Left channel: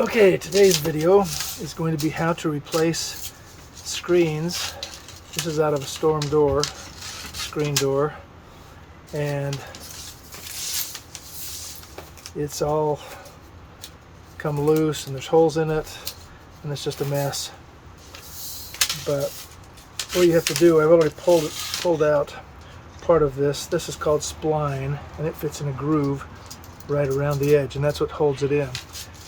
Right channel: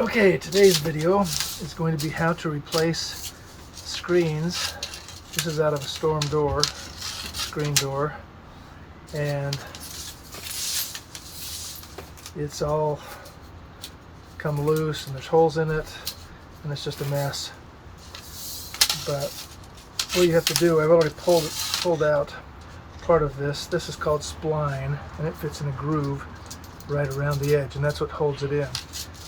Okay, today's video is going to be how to replace screens. This is out of a storm door, screen door, and it's all come loose and there's holes in it and it's just a mess. But what you have to do, I've already pulled out part of this. This is called spline, and it fits in a groove right around the edge, and that's what holds it in.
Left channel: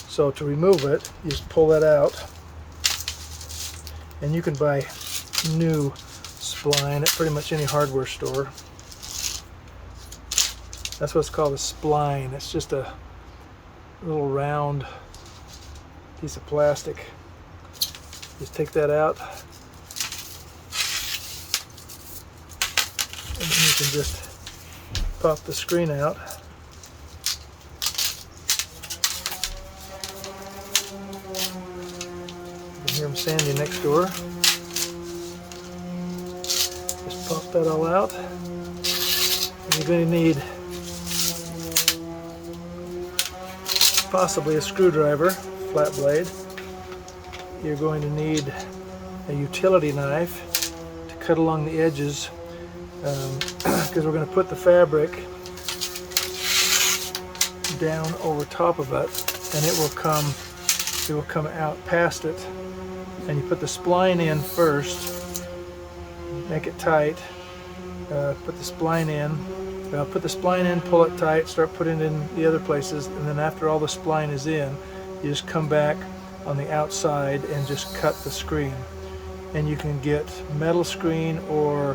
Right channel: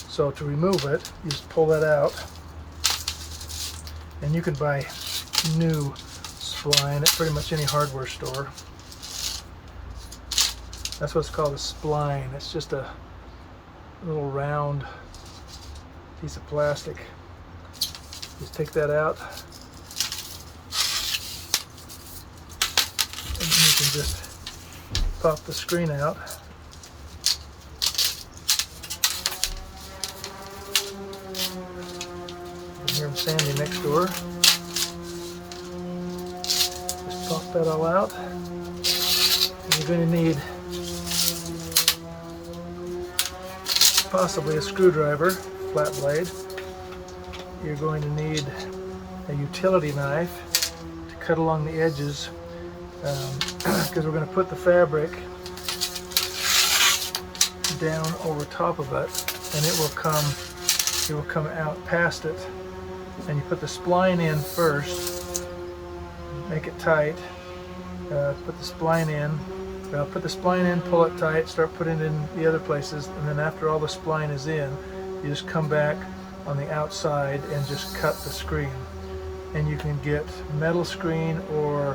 So to remove it, you just pull that out, and you can buy new spline at pretty much any hardware store. That's what's called a spline. It's just a little round piece of plastic. Just take that out, and then you can just pop the screen out. Here's Sandy next door. Just pop that all out. And you're going to need possibly a screwdriver, flat blade. You're going to need a utility knife to cut along the edges, because we're going to put the fabric down over top of it, and it will come out past it. And you put the spline in first, make it tight, put the spline in, pull it tight, start putting it in the other places, and then after all the spline is in, you just come back on the outside and just cut the screen. And you can get metal screen or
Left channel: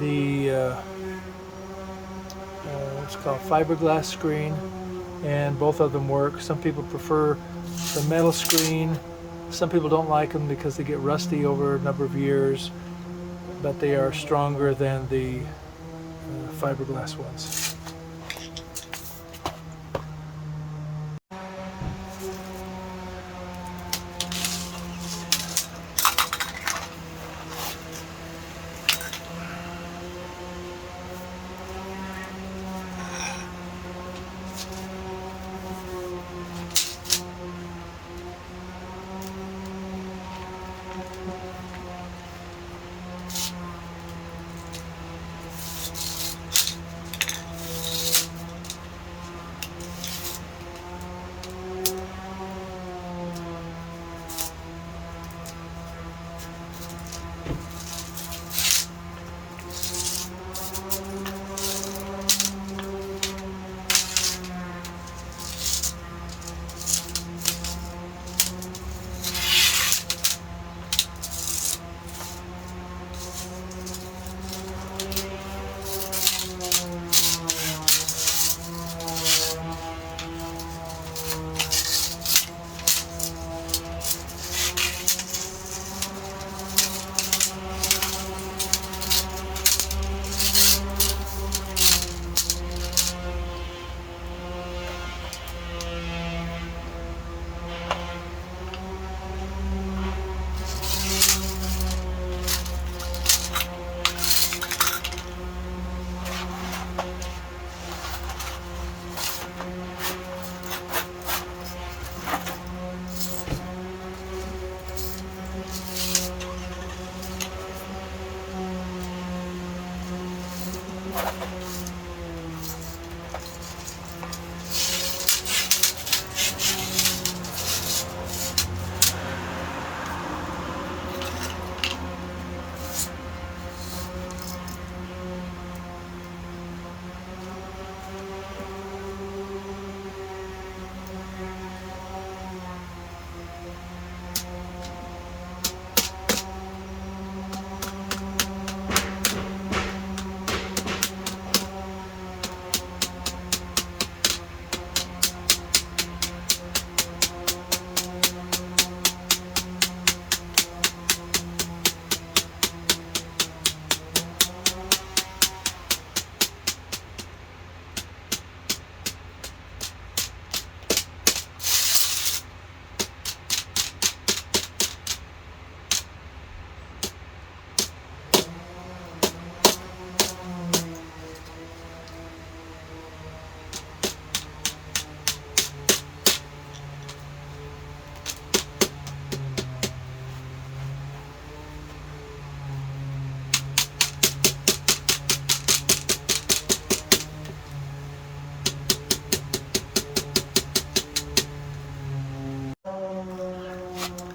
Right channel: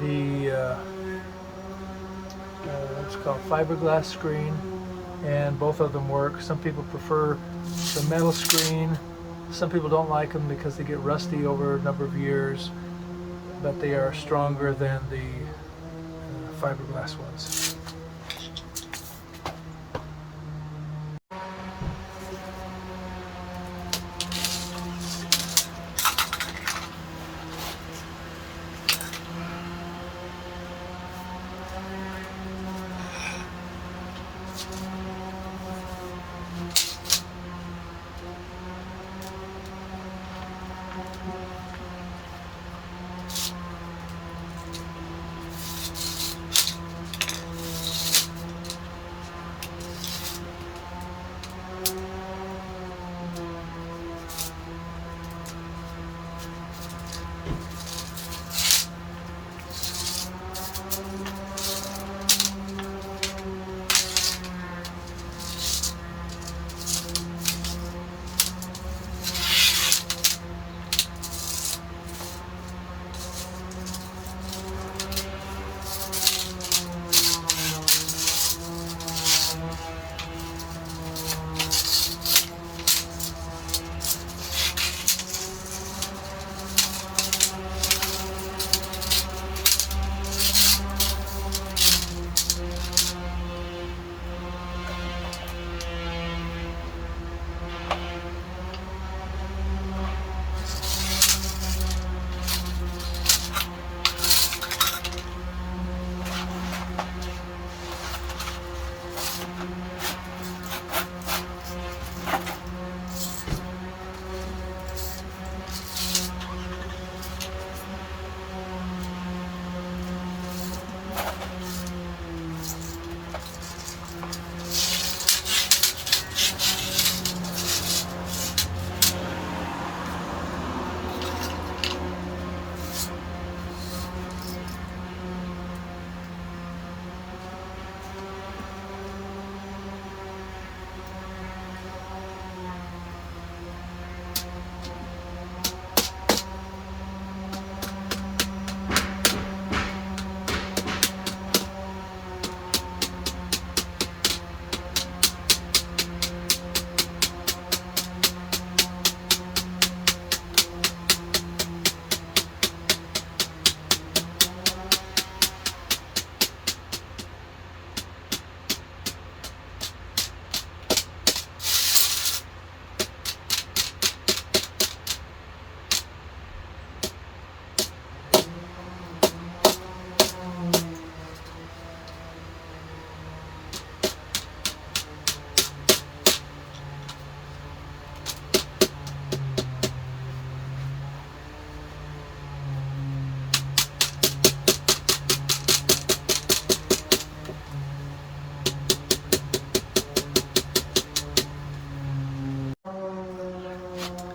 the it's called fiberglass screen, and both of them work. Some people prefer the metal screen. Some people don't like them because they get rusty over a number of years, but they are stronger than the fiberglass ones.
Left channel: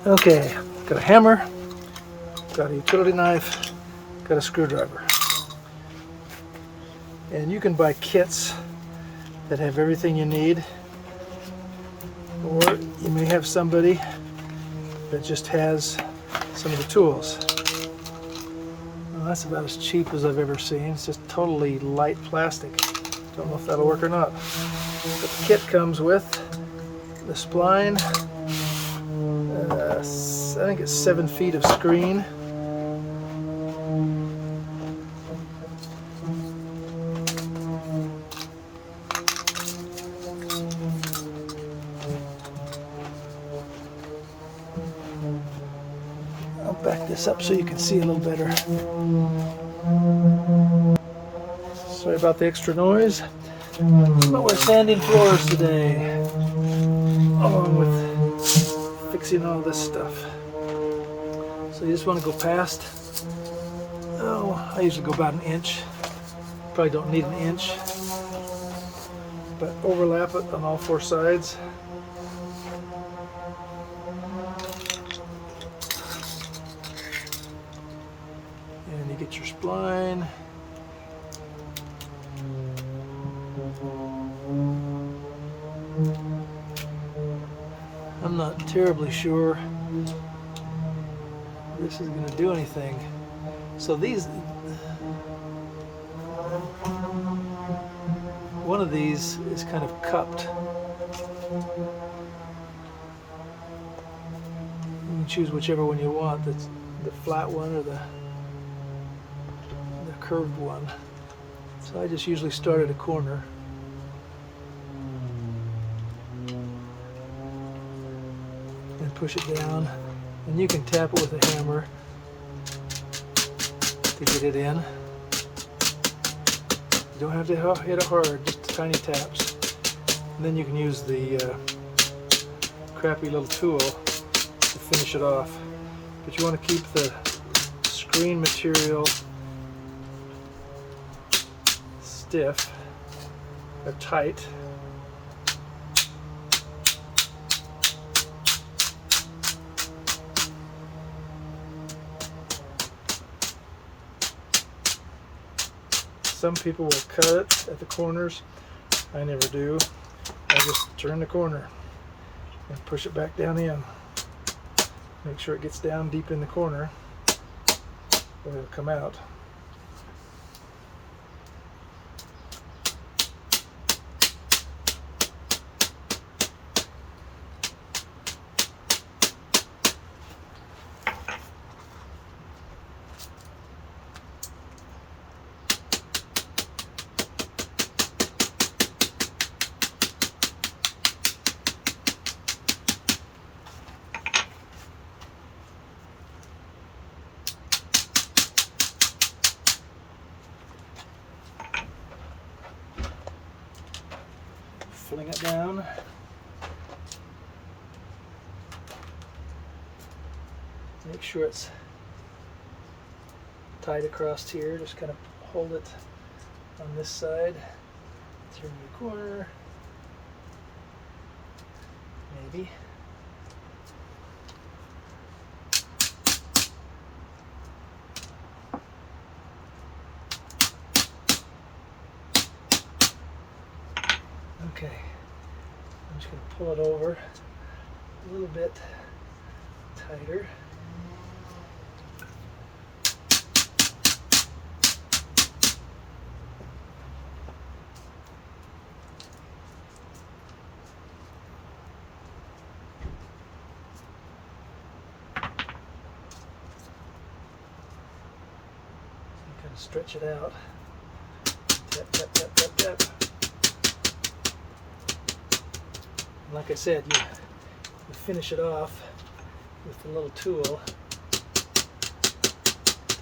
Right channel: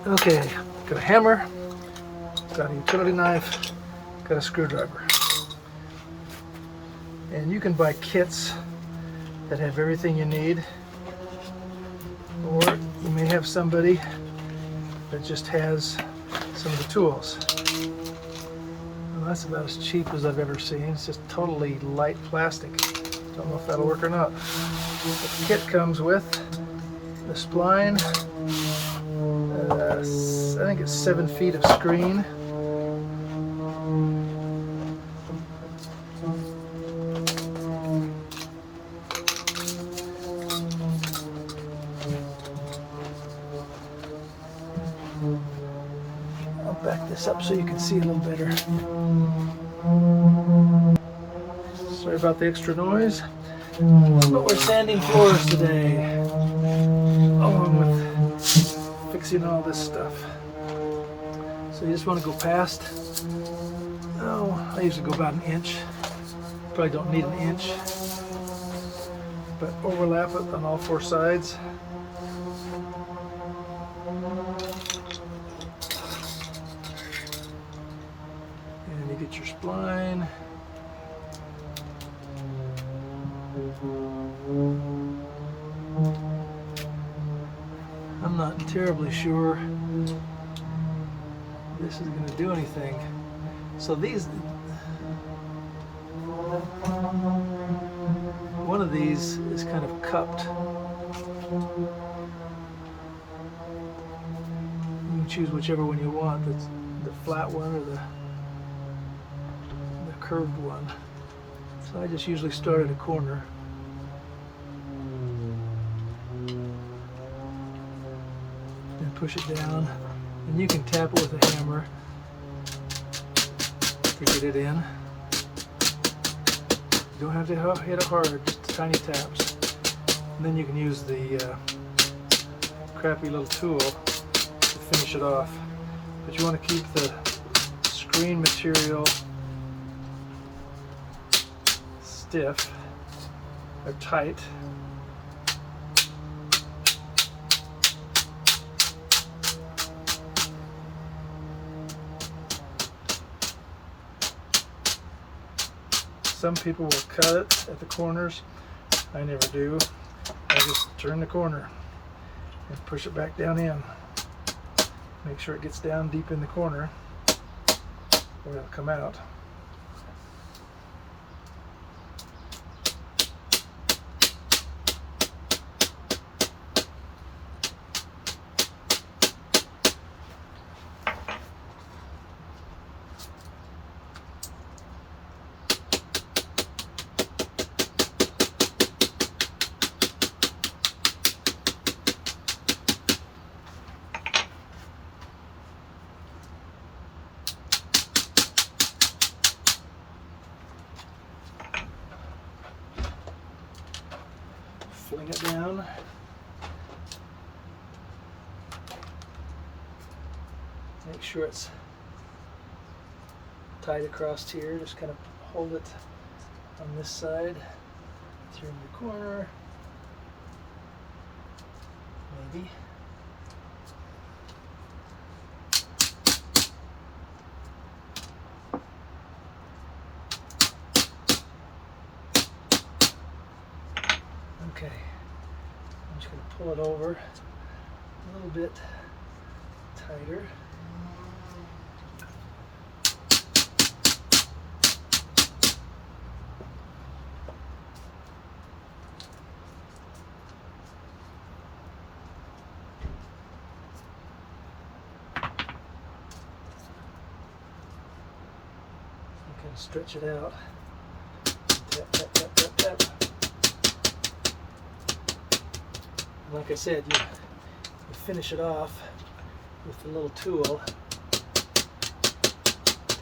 Okay, got a hammer, got a utility knife, got a screwdriver. And you can buy kits that have everything you need, or you may have somebody that just has some of the tools. Well, that's about as cheap as I've ever seen. It's just totally light plastic. Don't know if that'll work or not. The kit comes with the spline, I think it's 7 feet of screen, I'll back this up so you can see a little better. Sorry about the extra noise, but we're sanding floors today, along with fixing all this stuff. So you just want to go past, I usually go about an inch, probably don't need an inch, but overlap it on all 4 sides. And you get your spline. I'm not terribly sure this is going to do anything. So these, one of these is kind of cupped. You can choose whichever one you want. That's the flat one or the curved one. So I just usually start at a corner. Then push it down. And you can tap it with a hammer to get it in. You don't have to hit it hard, just tiny taps. And then you can use the crappy little tool to finish it off. But you want to keep the screen material stiff or tight. Some people will cut it at the corners. I never do. I just turn the corner and push it back down in. Make sure it gets down deep in the corner, or it'll come out. Fling it down. Make sure it's tight across here. Just kind of hold it on this side. Through your corner. Maybe. Okay, I'm just going to pull it over a little bit tighter. And kind of stretch it out. Tap, tap, tap, tap, tap. Like I said, you finish it off with the little tool to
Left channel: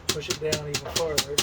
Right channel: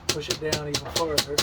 push it down even farther.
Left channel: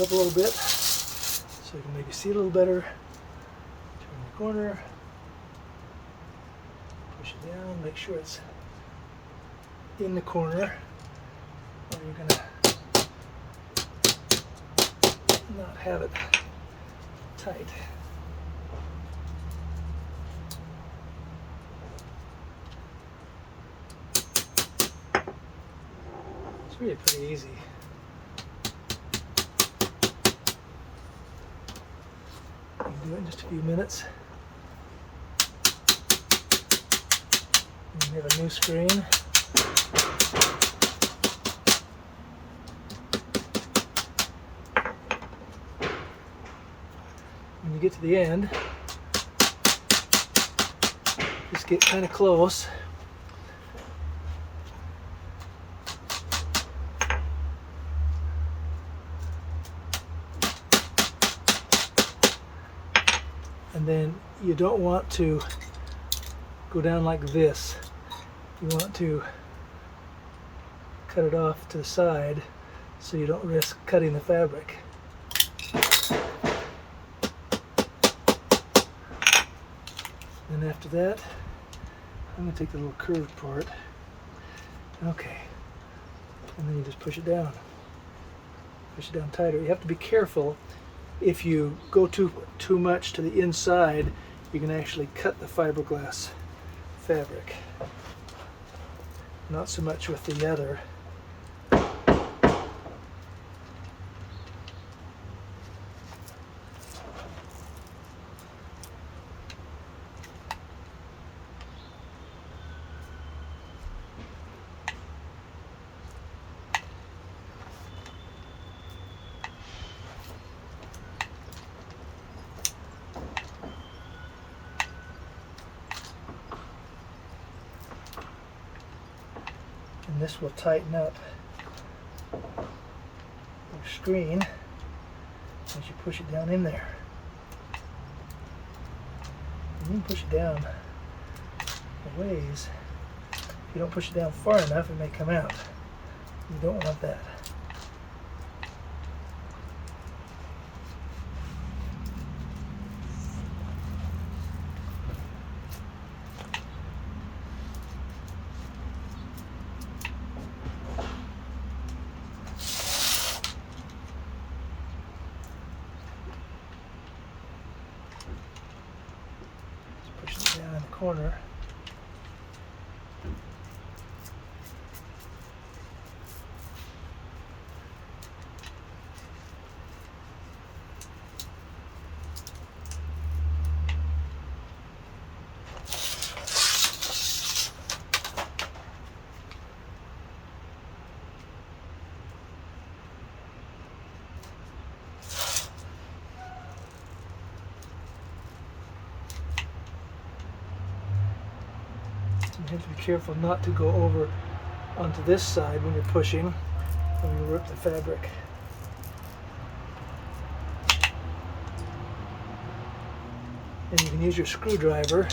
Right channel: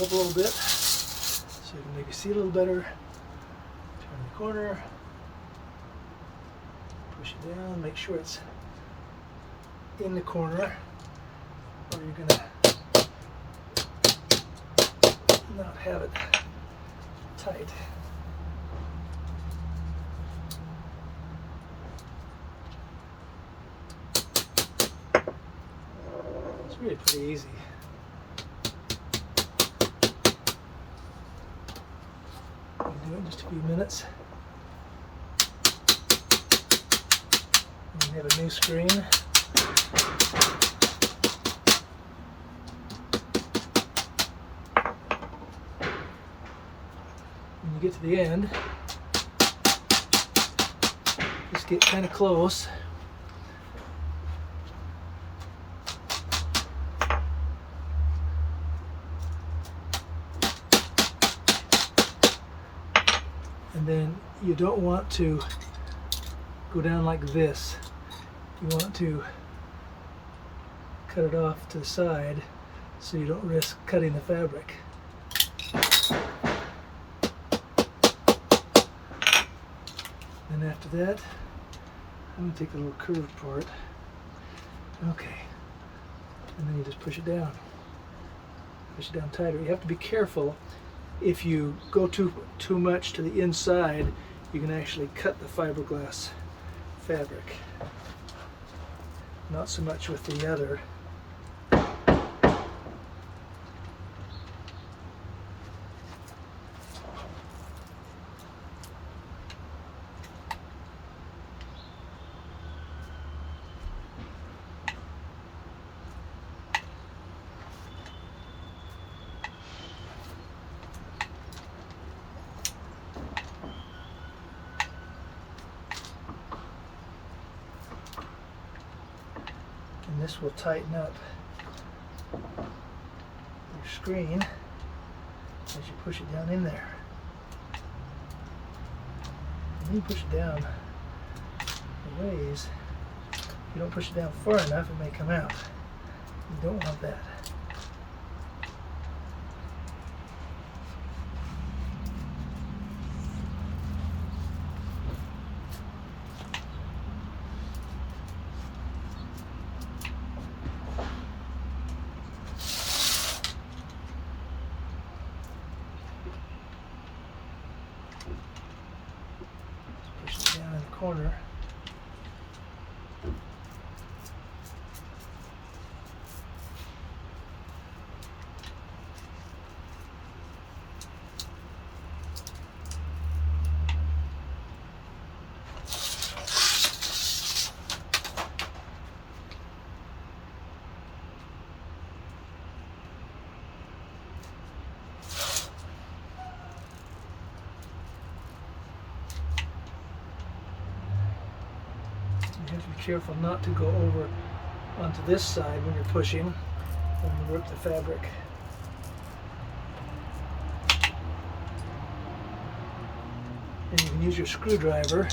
it up a little bit so you can maybe see a little better. Turn the corner, push it down, make sure it's in the corner, or you're gonna not have it tight. It's really pretty easy. You can do it in just a few minutes. And you have a new screen. When you get to the end, just get kind of close. And then you don't want to go down like this. You want to cut it off to the side so you don't risk cutting the fabric. Then after that, I'm going to take the little curved part. Okay. And then you just push it down. Push it down tighter. You have to be careful. If you go too much to the inside, you can actually cut the fiberglass fabric. Not so much with the other. And this will tighten up your screen as you push it down in there. And then you push it down a ways. If you don't push it down far enough, it may come out. You don't want that. Down in the corner. You have to be careful not to go over onto this side when you're pushing, when you work the fabric. Then you can use your screwdriver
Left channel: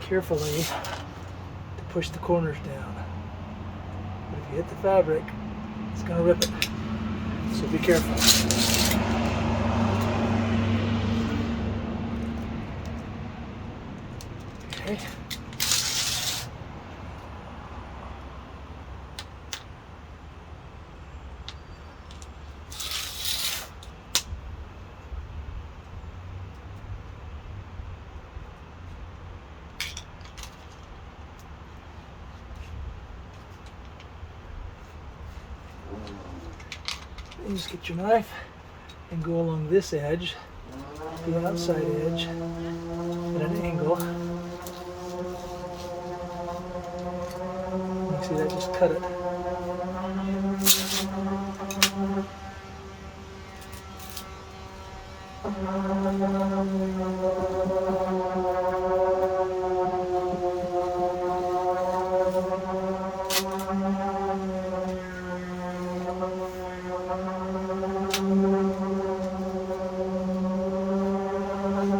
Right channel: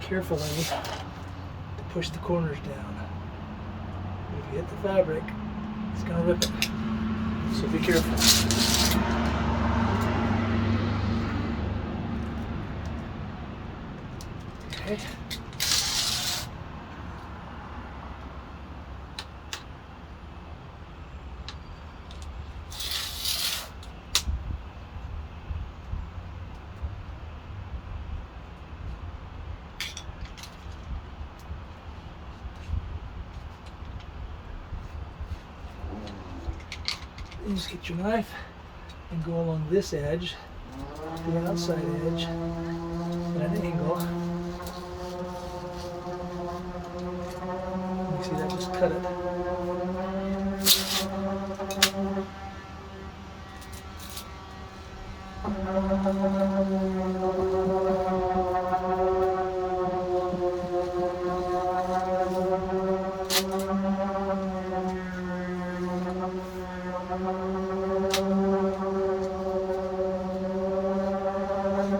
carefully to push the corners down. If you hit the fabric, it's going to rip it. So be careful. Okay. You just get your knife and go along this edge, the outside edge, at an angle. You see that? Just cut it.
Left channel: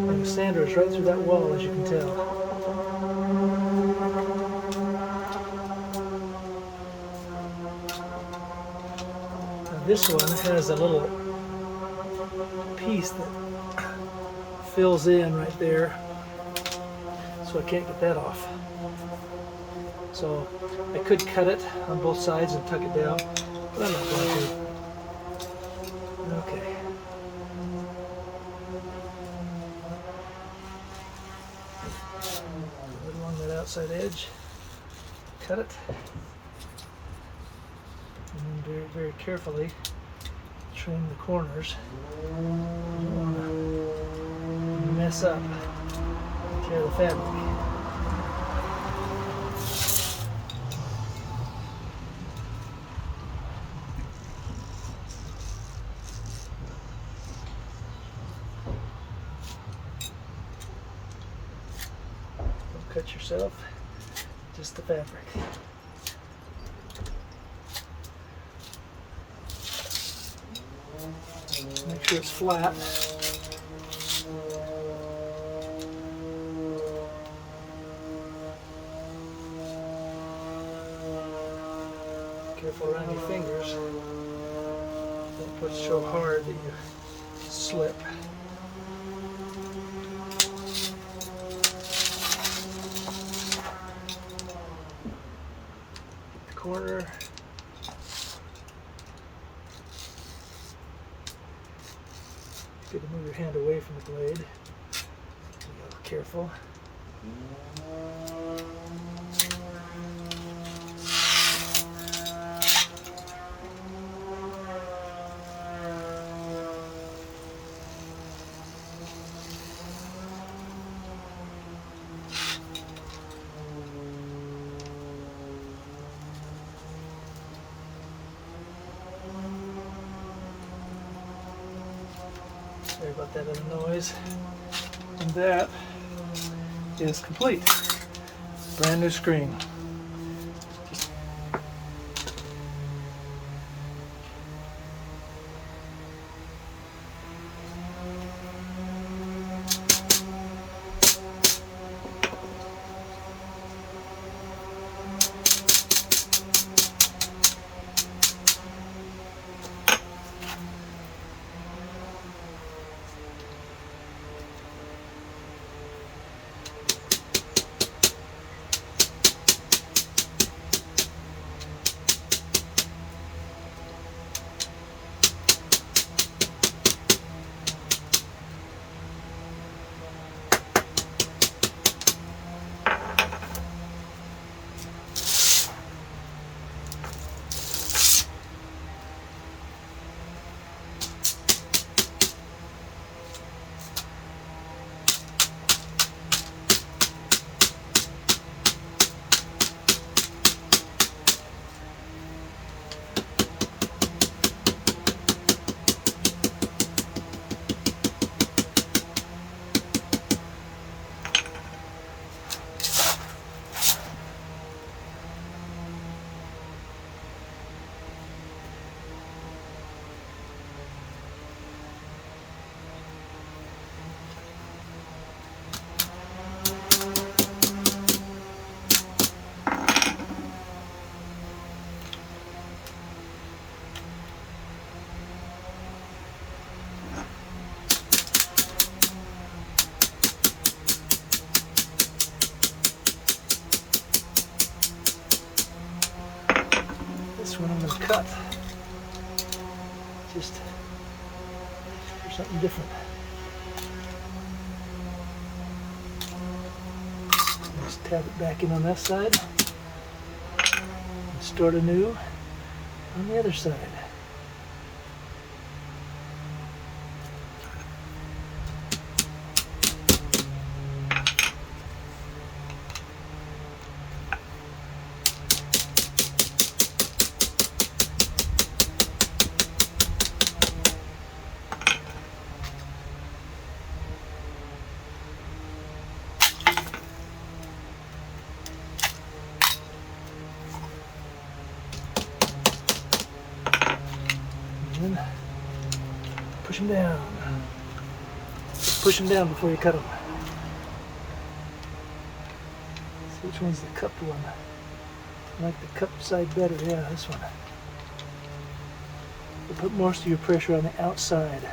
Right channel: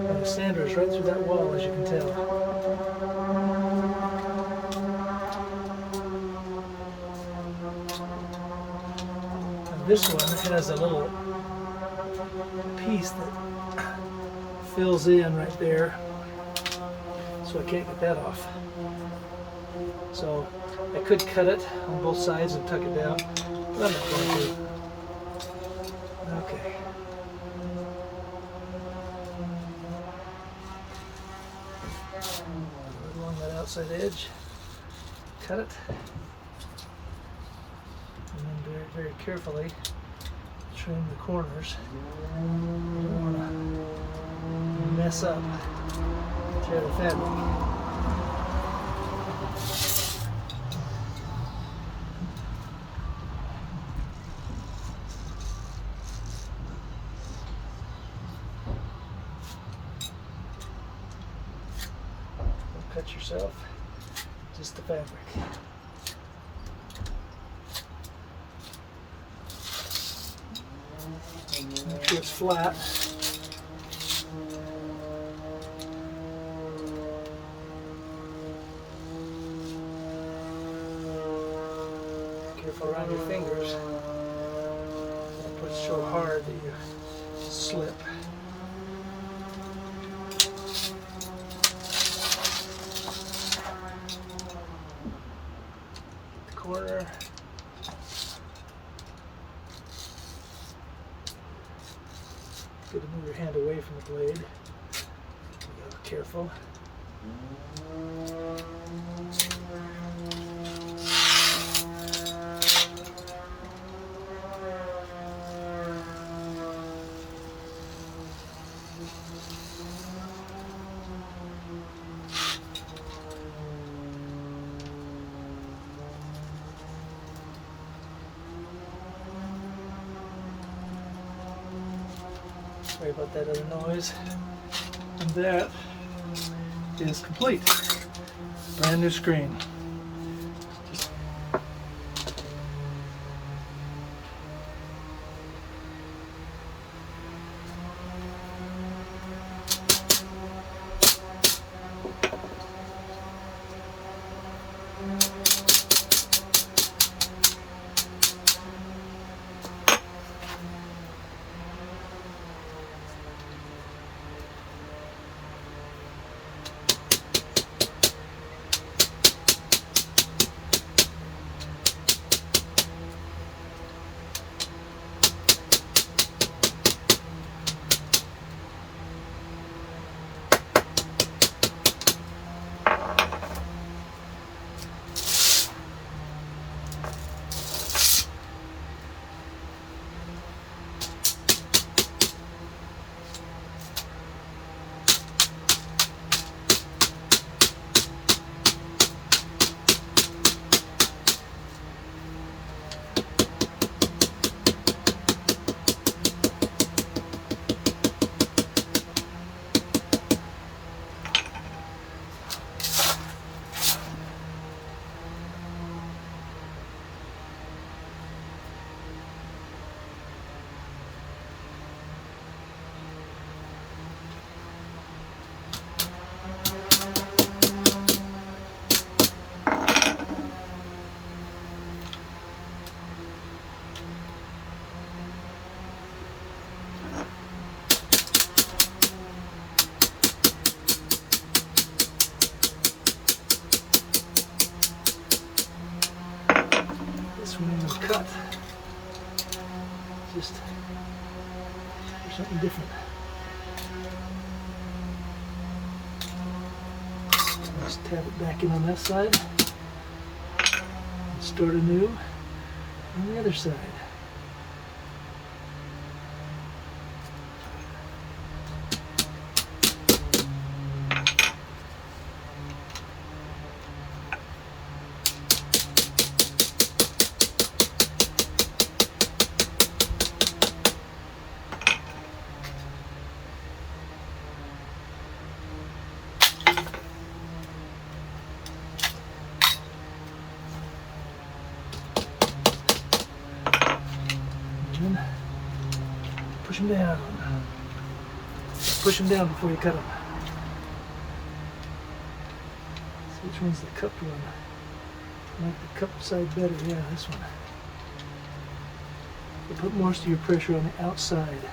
And the sander is right through that wall, as you can tell. Now this one has a little piece that fills in right there, so I can't get that off. So I could cut it on both sides and tuck it down, but I'm not going to. Okay. Right along that outside edge, cut it, and then very, very carefully trim the corners. You don't want to mess up, tear the fabric. Don't cut yourself, just the fabric. Make sure it's flat. Careful around your fingers. Don't push so hard that you slip. The corner. Good to move your hand away from the blade. Be a little careful. Sorry about that other noise. And that is complete. Brand new screen. This one I'm going to cut just for something different. Just tap it back in on that side and start anew on the other side. Push them down. Push them down before you cut them. So which one's the cupped one? I like the cupped side better. Yeah, this one. You put most of your pressure on the outside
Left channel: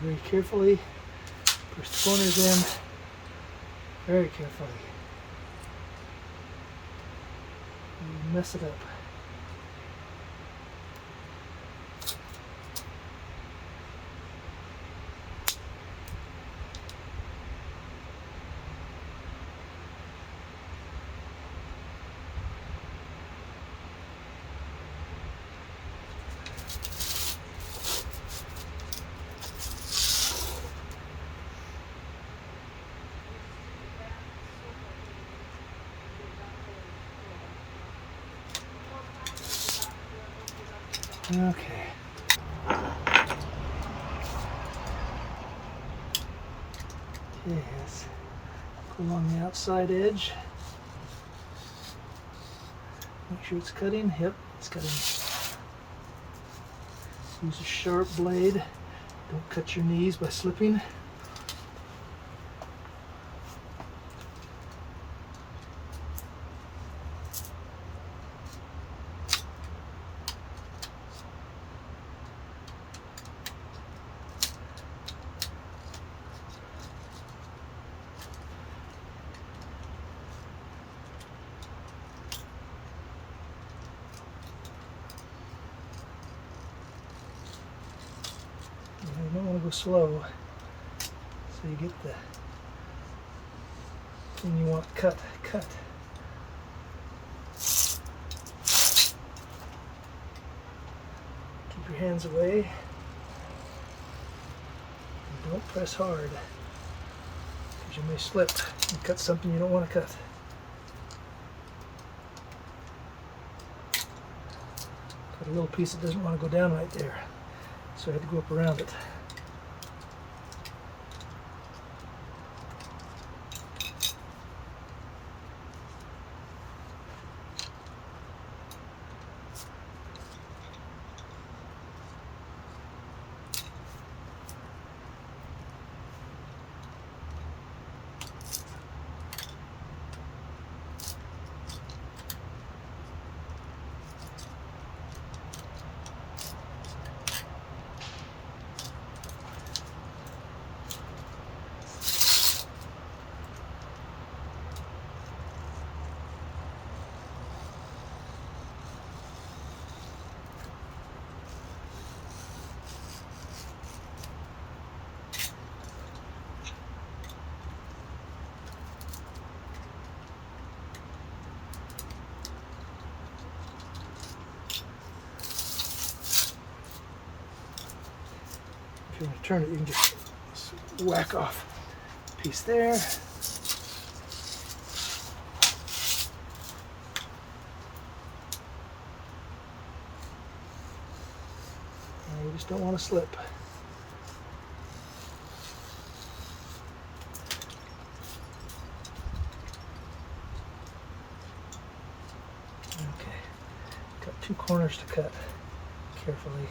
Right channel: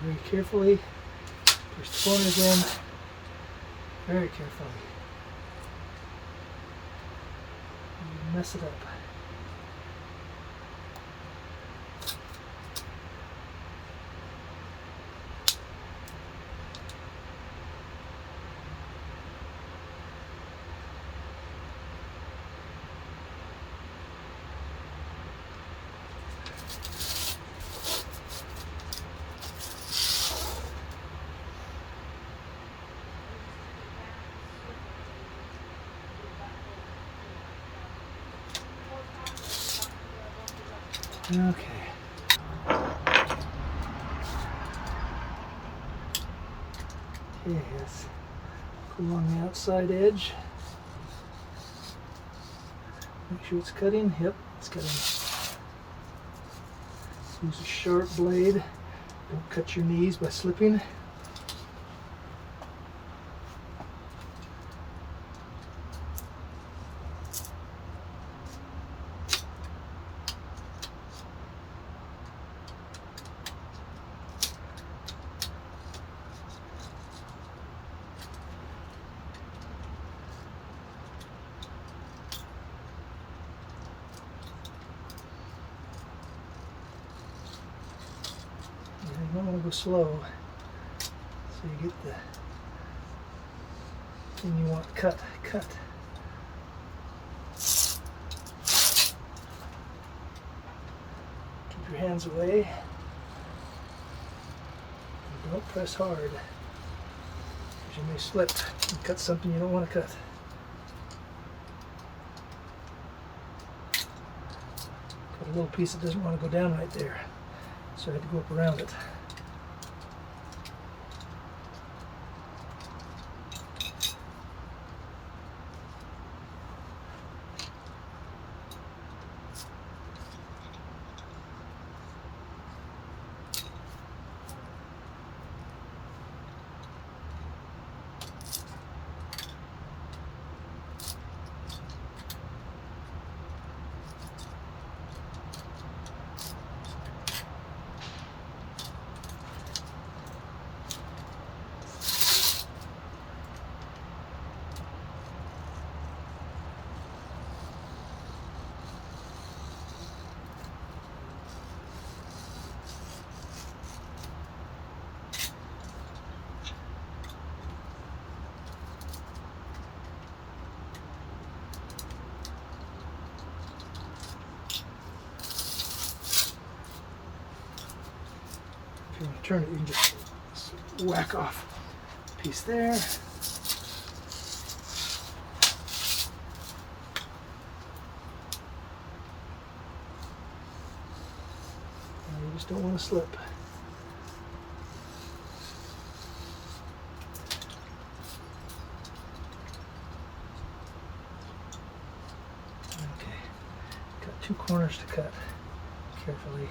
Very carefully, push the corners in, very carefully. You mess it up. Okay. Yes. Go along the outside edge. Make sure it's cutting. Yep, it's cutting. Use a sharp blade. Don't cut your knees by slipping. You might want to go slow so you get the thing you want cut. Keep your hands away and don't press hard because you may slip and cut something you don't want to cut. Got a little piece that doesn't want to go down right there, so I had to go up around it. If you want to turn it, you can just whack off a piece there. Now you just don't want to slip. Okay, got two corners to cut carefully.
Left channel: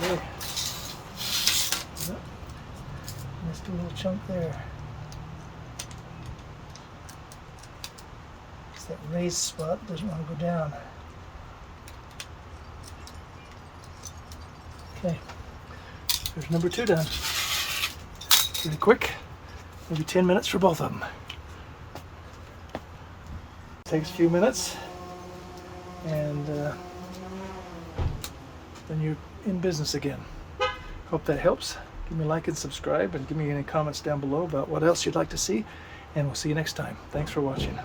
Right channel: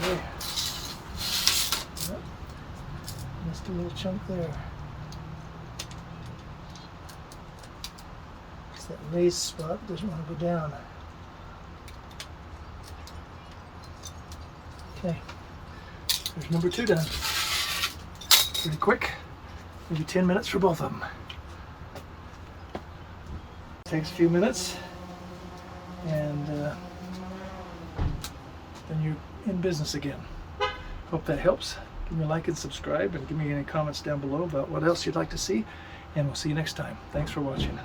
Okay. Yep. Missed a little chunk there. It's that raised spot that doesn't want to go down. Okay. There's number 2 done. Pretty quick. Maybe 10 minutes for both of them. Takes a few minutes, and then you're in business again. Hope that helps. Give me a like and subscribe, and give me any comments down below about what else you'd like to see, and we'll see you next time. Thanks for watching.